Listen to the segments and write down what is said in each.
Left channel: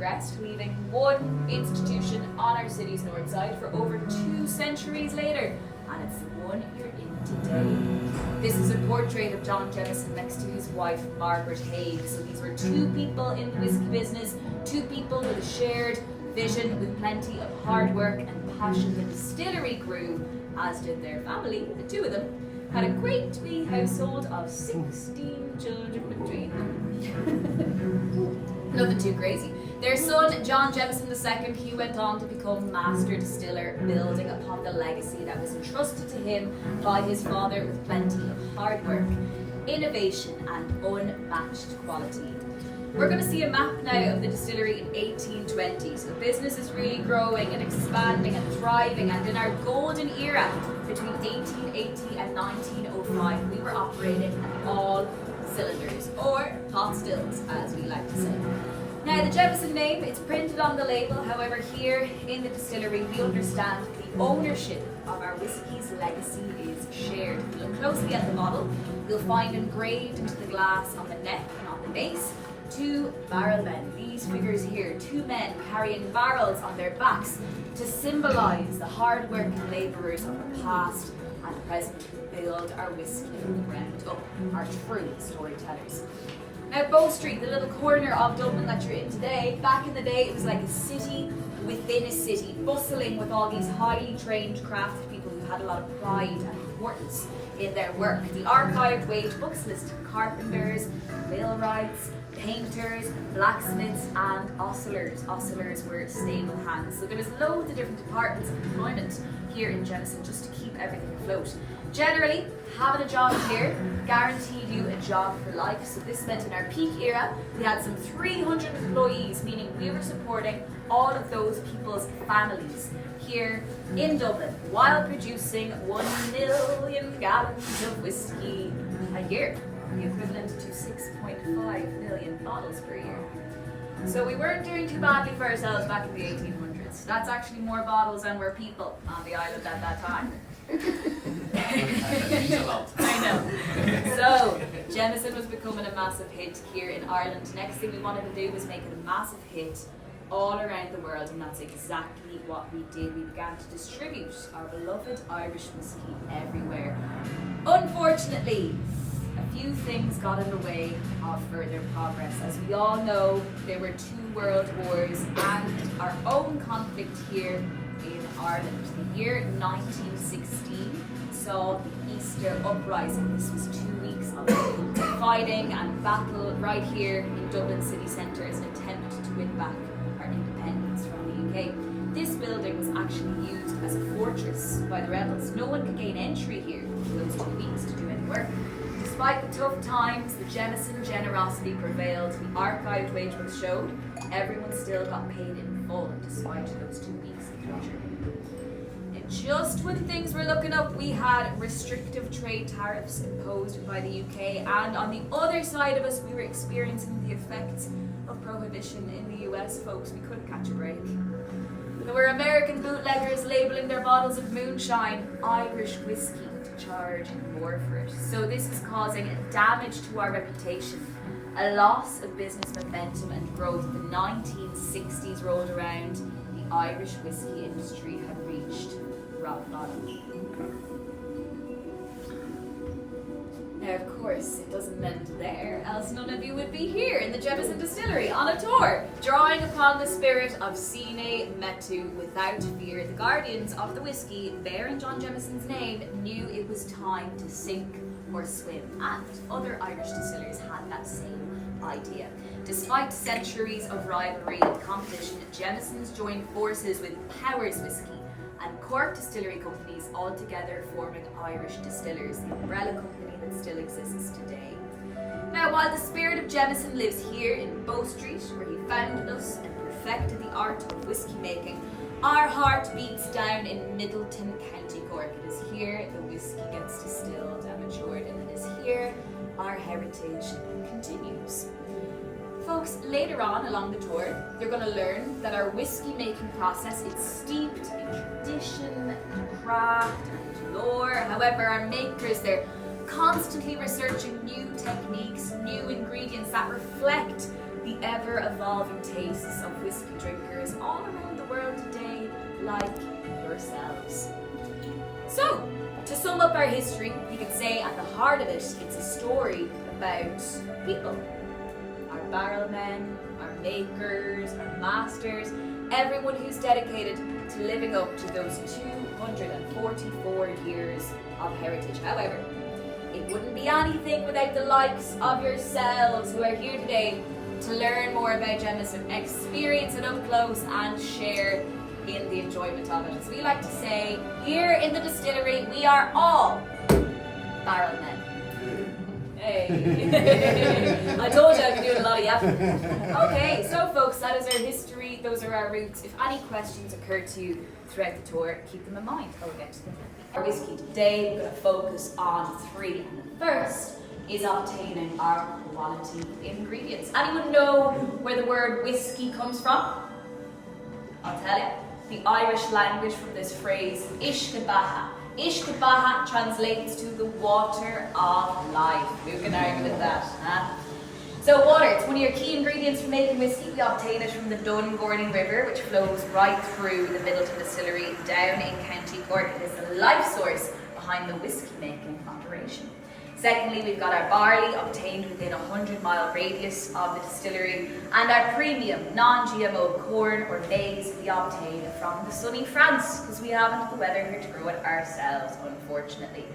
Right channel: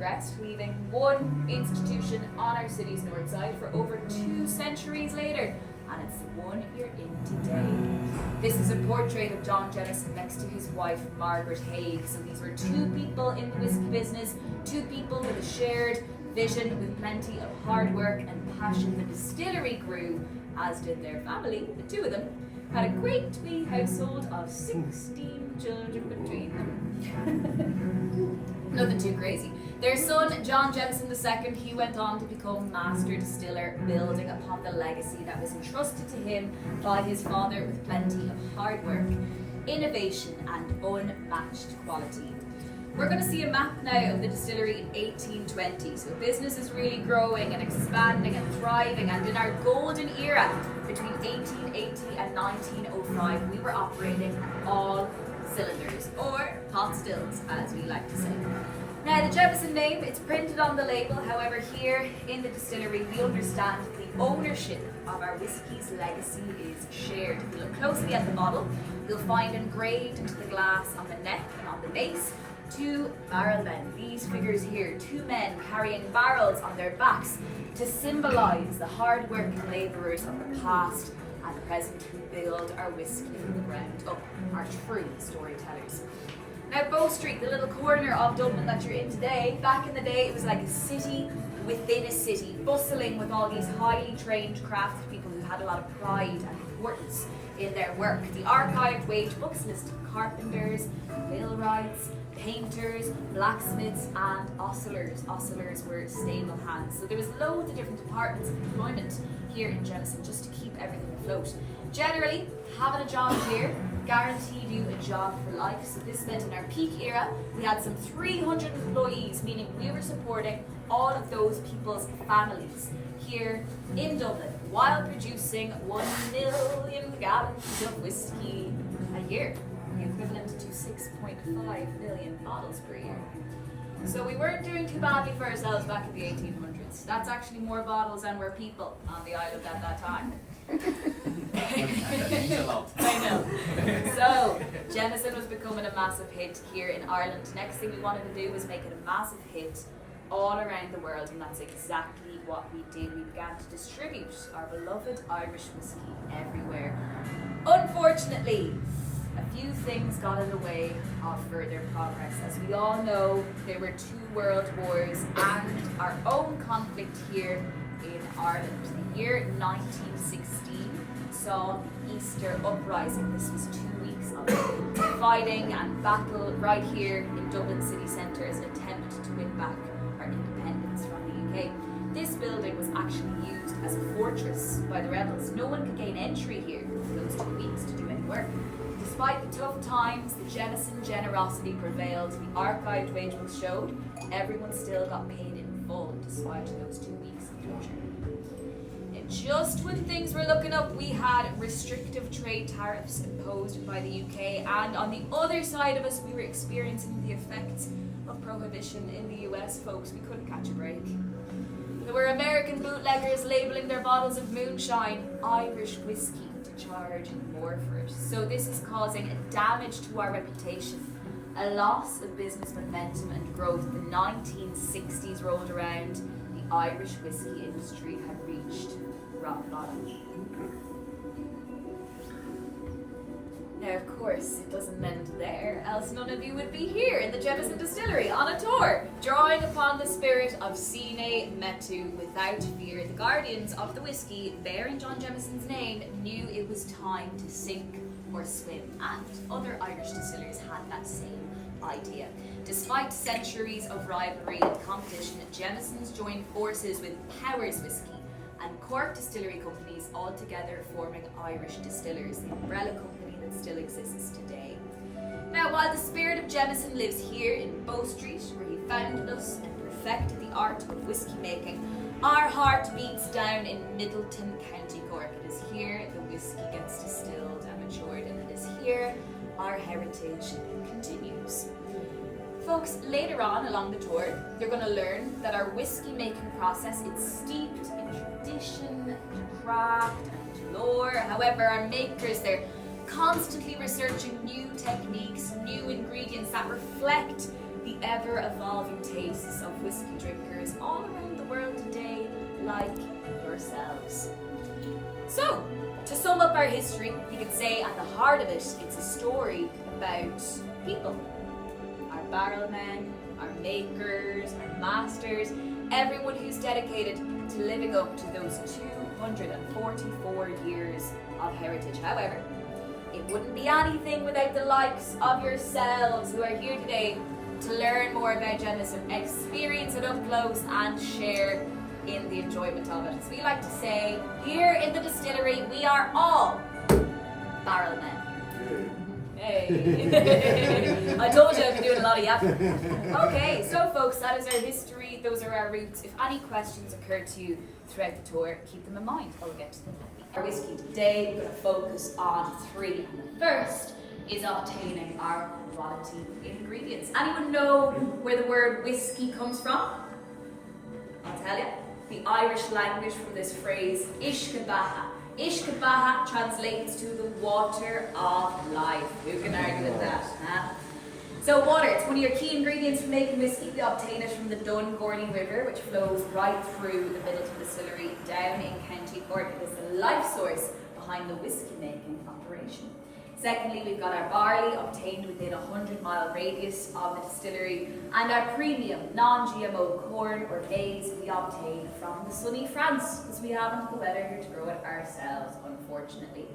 progressed, leaving one institution on our city's north side for over 2 centuries later, and it's the one you're in today. This is a portrait of John Jameson next to his wife Margaret Haig. So these were two people in the whiskey business, two people with a shared vision, with plenty of hard work and passion. The distillery grew, as did their family. The two of them had a great wee household of 16 children between them. Nothing too crazy. Their son, John Jameson II, he went on to become master distiller, building upon the legacy that was entrusted to him by his father with plenty of hard work, innovation and unmatched quality. We're going to see a map now of the distillery in 1820. So business is really growing and expanding and thriving, and in our golden era between 1880 and 1905 we were operating on all cylinders, or pot stills as we like to say. Now the Jameson name, it's printed on the label. However, here in the distillery we understand the ownership of our whiskey's legacy is shared. If you look closely at the bottle, you'll find engraved into the glass on the neck and on the base 2 barrel men. These figures here, 2 men carrying barrels on their backs to symbolise the hard-working labourers of the past and present who build our whiskey from the ground up, our true storytellers. Now Bow Street, the little corner of Dublin that you're in today, back in the day it was like a city within a city, bustling with all these highly trained craftspeople who had a lot of pride and importance in their work. The archived wage books listed carpenters, millwrights, painters, blacksmiths and ostlers. Ostlers were stable hands. So there was loads of different departments of employment here in Jameson just to keep everything afloat. Generally, having a job here guaranteed you a job for life. So this meant in our peak era, we had some 300 employees, meaning we were supporting all of those people's families here in Dublin while producing 1 million gallons of whiskey a year, the equivalent to 6.5 million bottles per year. So we weren't doing too badly for ourselves back in the 1800s. That's actually more bottles than were people on the island at that time. I know. So Jameson was becoming a massive hit here in Ireland. Next thing we wanted to do was make it a massive hit all around the world, and that's exactly what we did. We began to distribute our beloved Irish whiskey everywhere. Unfortunately, a few things got in the way of further progress. As we all know, there were 2 world wars and our own conflict here in Ireland. The year 1916 saw the Easter Uprising. This was 2 weeks of fighting and battle right here in Dublin city centre as an attempt to win back our independence from the UK. This building was actually used as a fortress by the rebels. No one could gain entry here for those 2 weeks to do any work. Despite the tough times, the Jameson generosity prevailed. The archived wage books showed everyone still got paid in full despite those 2 weeks of closure. And just when things were looking up, we had restrictive trade tariffs imposed by the UK, and on the other side of us, we were experiencing the effects of prohibition in the US, folks. We couldn't catch a break. There were American bootleggers labelling their bottles of moonshine Irish whiskey to charge more for it. So this is causing a damage to our reputation, a loss of business momentum and growth. The 1960s rolled around, the Irish whiskey industry had reached rock bottom. Now, of course, it doesn't end there, else none of you would be here in the Jameson Distillery on a tour, drawing upon the spirit of Sine Metu without fear. The guardians of the whiskey, bearing John Jameson's name, knew it was time to sink or swim, and other Irish distillers had that same idea. Despite centuries of rivalry and competition, Jameson's joined forces with Powers Whiskey and Cork distillery companies, all together forming Irish Distillers, the umbrella company that still exists today. Now, while the spirit of Jameson lives here in Bow Street, where he founded us and perfected the art of whiskey making, our heart beats down in Middleton, County Cork. It is here the whiskey gets distilled and matured, and it is here our heritage continues. Folks, later on along the tour, you're going to learn that our whiskey making process is steeped in tradition, and craft, and lore. However, our makers, they're constantly researching new techniques, new ingredients that reflect the ever-evolving tastes of whiskey drinkers all around the world today, like yourselves. So, to sum up our history, you could say at the heart of it, it's a story about people. Our barrelmen, our makers, our masters, everyone who's dedicated to living up to those 244 years of heritage. However, it wouldn't be anything without the likes of yourselves who are here today to learn more about Jameson, experience it up close and share in the enjoyment of it. As we like to say, here in the distillery, we are all barrelmen. Hey. I told you I'd be doing a lot of yapping. Okay, so folks, that is our history, those are our roots. If any questions occur to you throughout the tour, keep them in mind. I'll get to them. Our whiskey today, we're going to focus on 3, and the first is obtaining our quality ingredients. Anyone know where the word whiskey comes from? I'll tell you. The Irish language from this phrase, ishkabaha. Ishkabaha translates to the water of life. Who can argue with that? Huh? So water, it's one of your key ingredients for making whiskey. We obtain it from the Dungourney River, which flows right through the Middleton Distillery down in County Cork. It is the life source behind the whiskey making operation. Secondly, we've got our barley obtained within a 100-mile radius of the distillery, and our premium non-GMO corn or maize we obtain from the sunny France, because we haven't the weather here to grow it ourselves, unfortunately.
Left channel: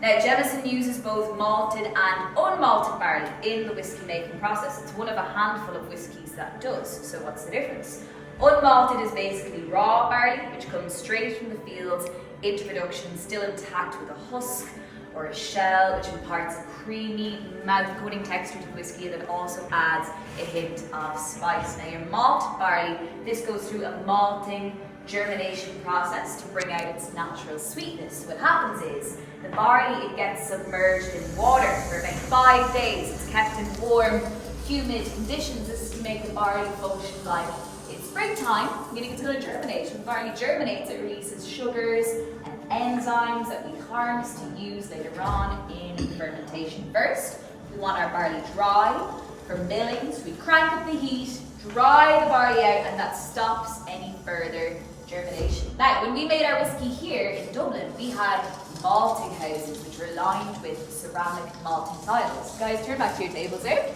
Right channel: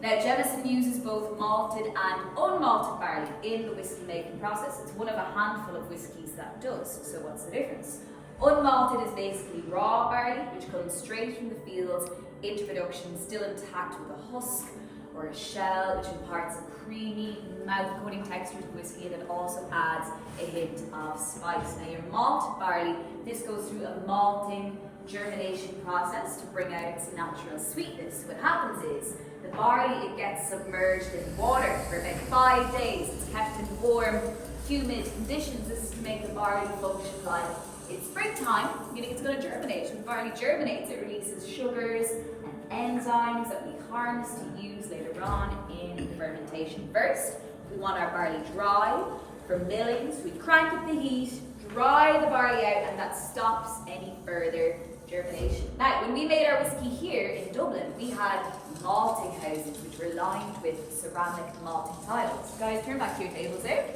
Now, Jameson uses both malted and unmalted barley in the whiskey making process. It's one of a handful of whiskies that does. So what's the difference? Unmalted is basically raw barley, which comes straight from the fields into production, still intact with a husk or a shell, which imparts a creamy, mouth-coating texture to the whiskey that also adds a hint of spice. Now, your malted barley, this goes through a malting germination process to bring out its natural sweetness. What happens is, the barley, it gets submerged in water for about 5 days. It's kept in warm, humid conditions. This is to make the barley function like it's springtime, meaning it's going to germinate. When barley germinates, it releases sugars and enzymes that we harness to use later on in the fermentation. First, we want our barley dry for milling, so we crank up the heat, dry the barley out, and that stops any further germination. Now, when we made our whiskey here in Dublin, we had malting houses which were lined with ceramic malting tiles. Guys, turn back to your tables there.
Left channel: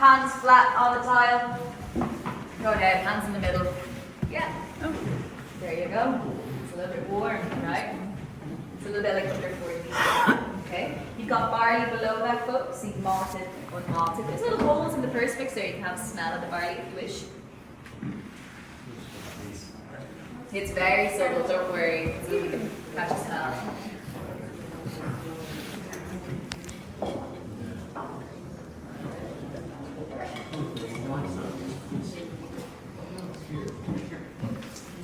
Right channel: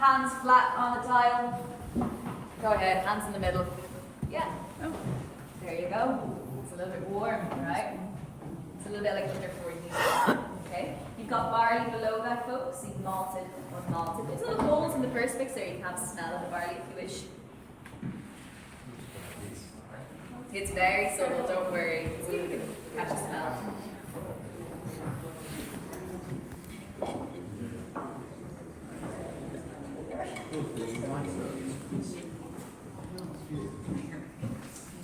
Hands flat on the tile. Go ahead, hands in the middle. Yeah. There you go. It's a little bit warm, right? It's a little bit like under 40. Okay. You've got barley below that, folks. You've malted, unmalted. There's little holes in the perspex there. You can have a smell of the barley if you wish. It's very subtle, don't worry. So we can catch a smell.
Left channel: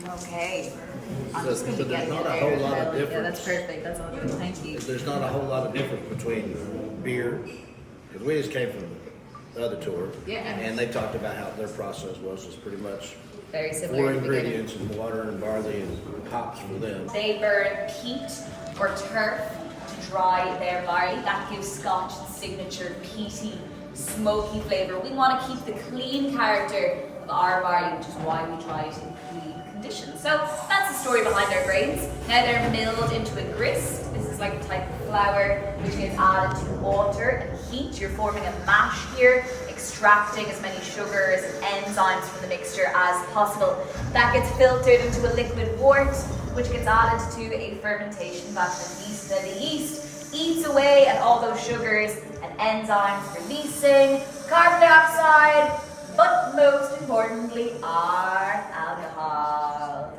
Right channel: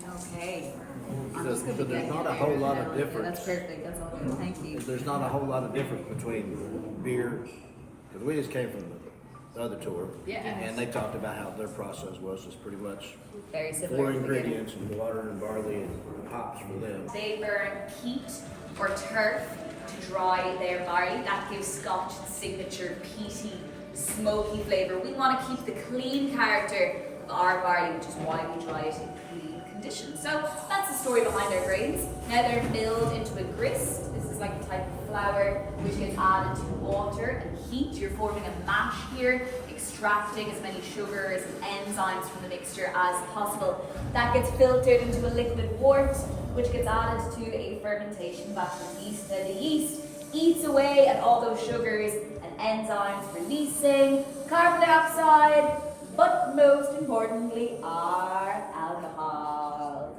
Okay. So there's not a whole lot of difference. Yeah, that's perfect. That's all good. Thank you. There's not a whole lot of difference between beer, because we just came from the other tour. Yeah. And they talked about how their process was pretty much Very similar. 4 ingredients and water and barley and hops for them. They burn peat or turf to dry their barley. That gives Scotch its signature peaty, smoky flavour. We want to keep the clean character of our barley, which is why we dry it in clean conditions. So that's the story behind our grains. Now they're milled into a grist. This is like a type of flour which is added to water and heat. You're forming a mash here, extracting as many sugars and enzymes from the mixture as possible. That gets filtered into a liquid wort, which gets added to a fermentation vat of yeast. Then the yeast eats away at all those sugars and enzymes, releasing carbon dioxide, but most importantly, our alcohol.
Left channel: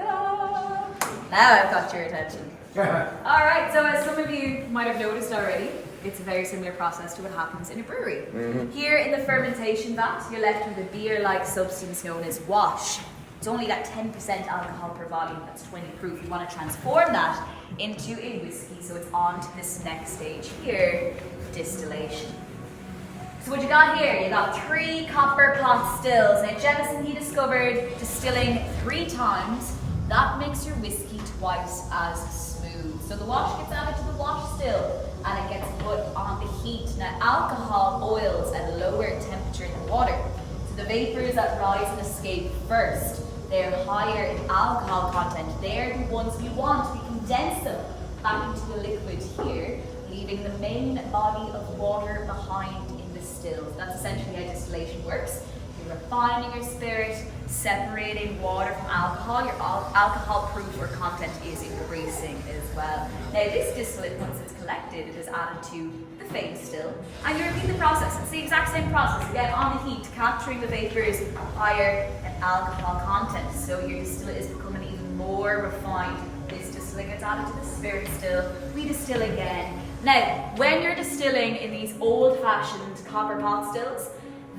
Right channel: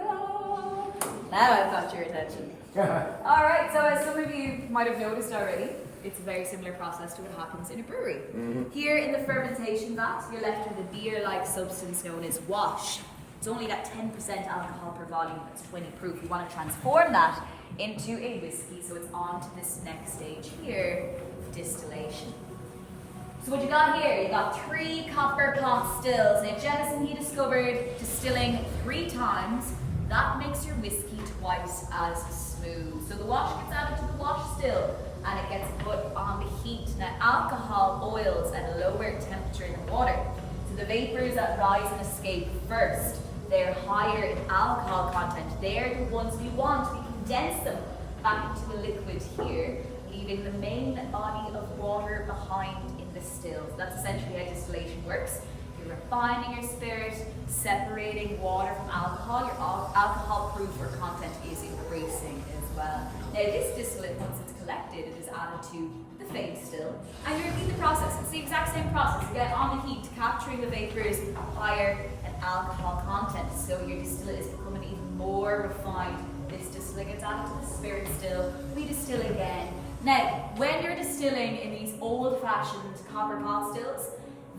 Now I've got your attention. Alright, so as some of you might have noticed already, it's a very similar process to what happens in a brewery. Here in the fermentation vat, you're left with a beer-like substance known as wash. It's only that 10% alcohol per volume, that's 20 proof. You want to transform that into a whiskey, so it's on to this next stage here, distillation. So what you got here, you got 3 copper pot stills. Now Jameson, he discovered distilling 3 times, that makes your whiskey twice as smooth. So the wash gets added to the wash still, and it gets put on the heat. Now alcohol boils at a lower temperature than water. So the vapors that rise and escape first, they're higher in alcohol content. They're the ones we want. We condense them back into the liquid here, leaving the main body of water behind in the still. That's essentially how distillation works. You're refining your spirit, separating water from alcohol. Your alcohol proof or content is increasing as well. Now this distillate, once it's collected, it is added to the phase still, and you repeat the process. It's the exact same process. Again, on the heat, capturing the vapors higher in alcohol content. So your distillate is becoming even more refined. This distillate gets added to the spirit still. We distill again. Now, when you're distilling in these old-fashioned copper pot stills,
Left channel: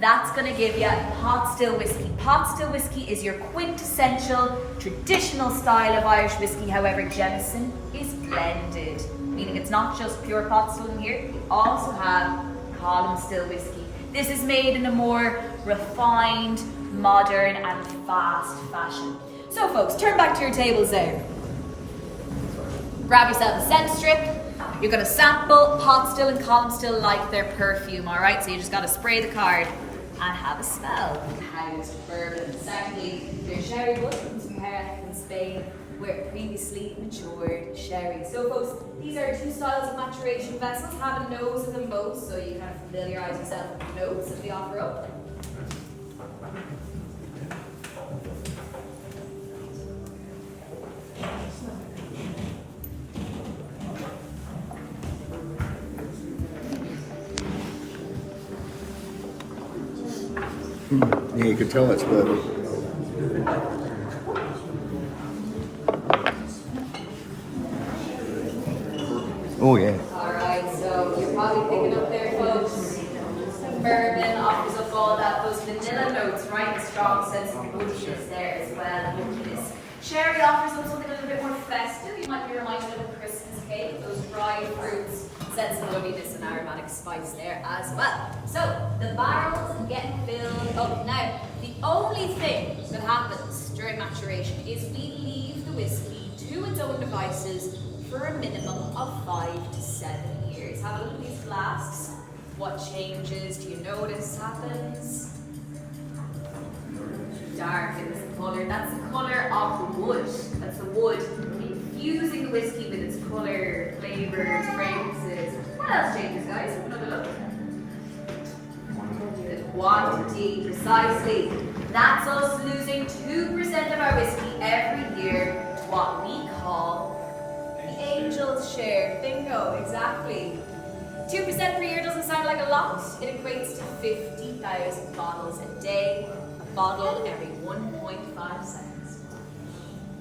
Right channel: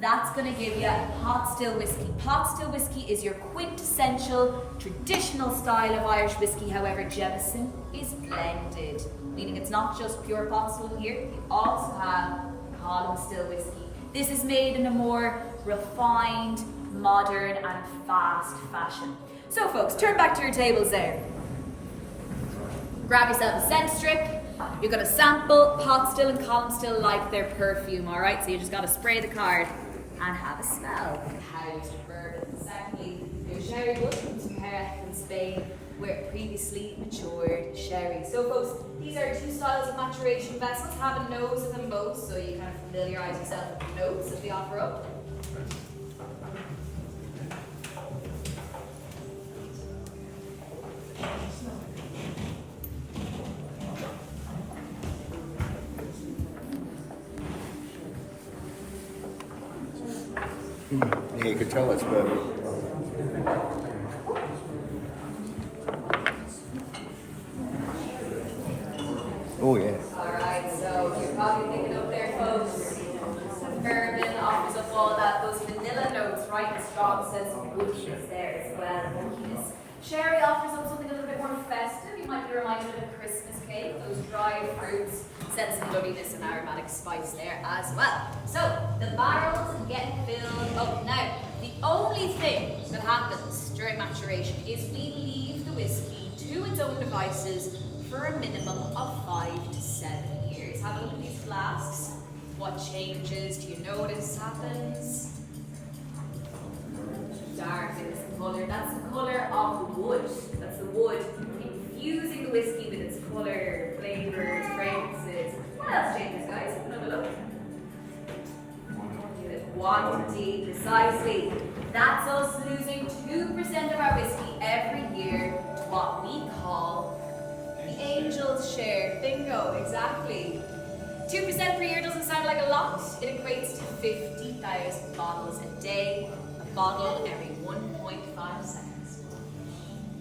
that's going to give you pot still whiskey. Pot still whiskey is your quintessential, traditional style of Irish whiskey. However, Jameson is blended, meaning it's not just pure pot still in here. You also have column still whiskey. This is made in a more refined, modern, and fast fashion. So, folks, turn back to your tables there. Grab yourself a scent strip. You're going to sample pot still and column still like their perfume, all right? So you just got to spray the card and have a smell. Housed bourbon. Secondly, there's sherry wood from Perth in Spain, where it previously matured sherry. So folks, these are two styles of maturation vessels. Have a nose of them both, so you kind of familiarize yourself with the notes that they offer up. Yeah, you can tell it's bourbon. Oh yeah. Alright, so you're probably picking up there, folks. Bourbon offers up all that, those vanilla notes, right? A strong sense of woodiness there as well. Woodiness. Sherry offers up something a little bit more festive. You might be reminded of a Christmas cake, those dried fruits. Sense of loveliness and aromatic spice there as well. So the barrels get filled up. Now, the only thing that happens during maturation is we leave the whiskey to its own devices for a minimum of 5 to 7 years. Have a look at these flasks. What changes do you notice happens? Darkens the colour. That's the colour of the wood. That's the wood infusing the whiskey with its colour, flavours, fragrances. What else changes, guys? Have another look. The quantity, precisely. That's us losing 2% of our whiskey every year to what we call the angel's share. Bingo, exactly. 2% per year doesn't sound like a lot. It equates to 50,000 bottles a day. A bottle every 1.5 seconds.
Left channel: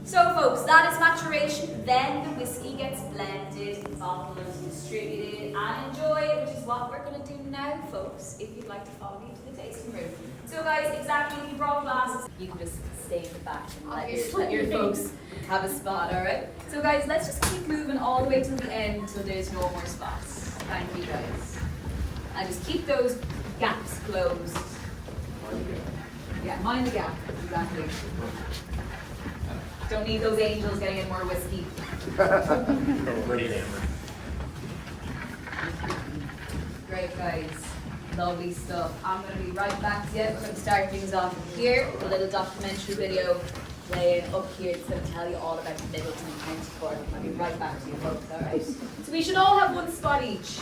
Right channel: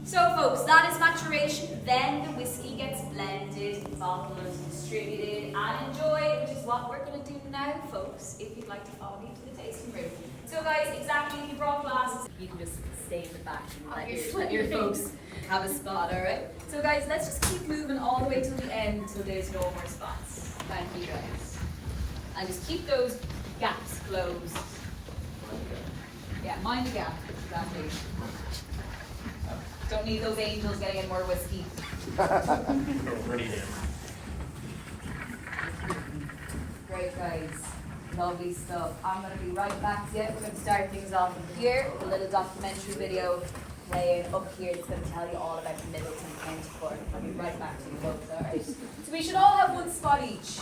So folks, that is maturation. Then the whiskey gets blended, bottled, distributed, and enjoyed, which is what we're going to do now, folks, if you'd like to follow me to the tasting room. So guys, exactly, if you brought glasses, you can just stay in the back and let your folks have a spot, alright? So guys, let's just keep moving all the way till the end until there's no more spots. Thank you guys. And just keep those gaps closed. Yeah, mind the gap, exactly. Don't need those angels getting in more whiskey. Great guys, lovely stuff. I'm going to be right back to you. We're going to start things off here with a little documentary video playing up here. It's going to tell you all about Middleton County Cork. I'll be right back to you folks, alright? So we should all have one spot each.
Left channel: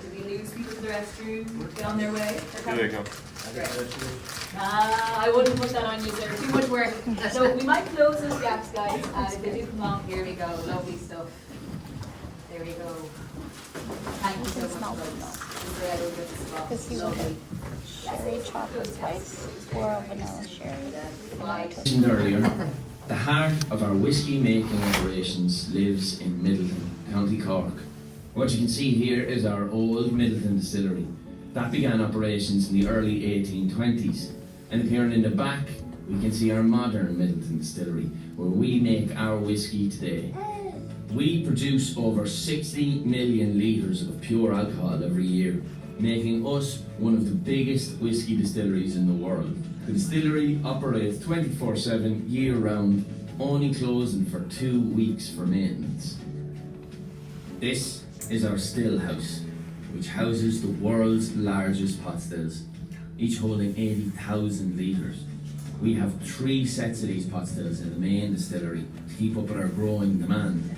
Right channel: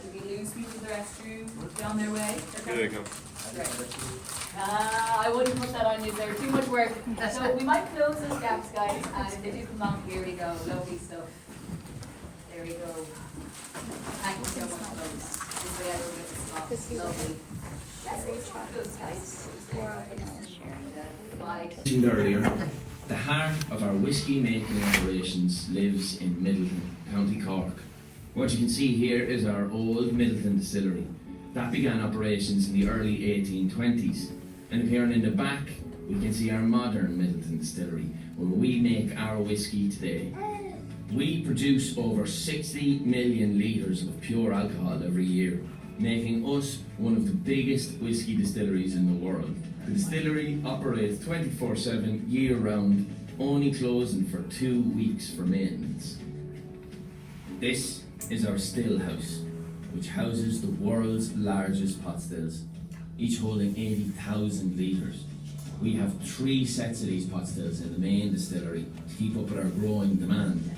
Did we lose people to the restroom? They on their way? Here they go. Okay. I wouldn't put that on you, they're too much work. So we might close those gaps, guys, and if they do come along, here we go. Lovely stuff. There we go. Thank you so much, folks. This way I will get the spot. Lovely. Sherry chocolate spice or a vanilla sherry. Right. Mentioned earlier, the heart of our whiskey making operations lives in Middleton, County Cork. What you can see here is our old Middleton Distillery. That began operations in the early 1820s. And appearing in the back, we can see our modern Middleton Distillery, where we make our whiskey today. We produce over 60 million litres of pure alcohol every year, making us one of the biggest whiskey distilleries in the world. The distillery operates 24/7 year-round, only closing for 2 weeks for maintenance. This is our still house, which houses the world's largest pot stills. each holding 80,000 litres. We have 3 sets of these pot stills in the main distillery to keep up with our growing demand.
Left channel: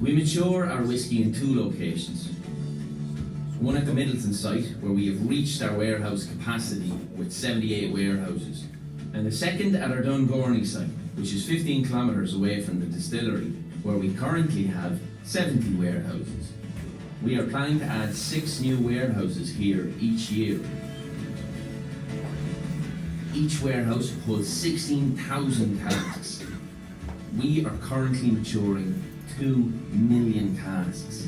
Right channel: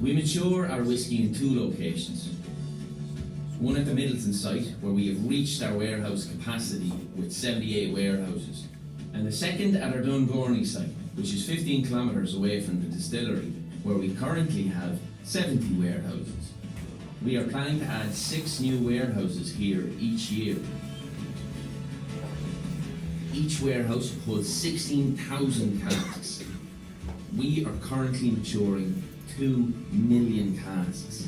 We mature our whisky in 2 locations. One at the Middleton site, where we have reached our warehouse capacity with 78 warehouses, and the second at our Dungorney site, which is 15 kilometres away from the distillery, where we currently have 70 warehouses. We are planning to add 6 new warehouses here each year. Each warehouse holds 16,000 casks. We are currently maturing 2 million casks.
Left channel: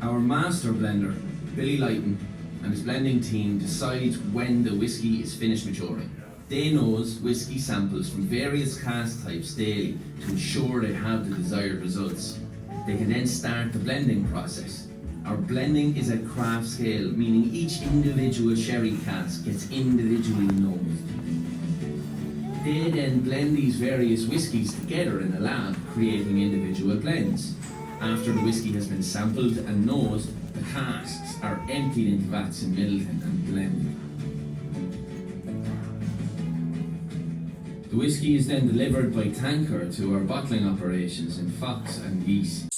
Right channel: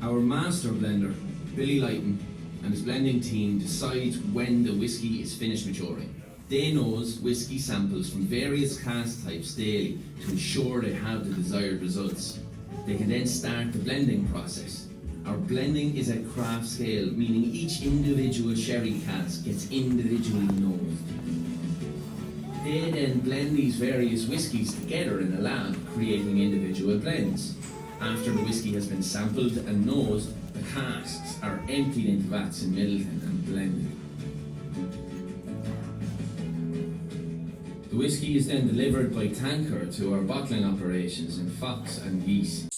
Our master blender, Billy Lighton, and his blending team decides when the whisky is finished maturing. They nose whisky samples from various cask types daily to ensure they have the desired results. They can then start the blending process. Our blending is at craft scale, meaning each individual sherry cask gets individually nosed. They then blend these various whiskies together in a lab, creating individual blends. After the whisky has been sampled and nosed, the casks are emptied into vats in Middleton and blended. The whisky is then delivered by tanker to our bottling operations in Fox and Geese.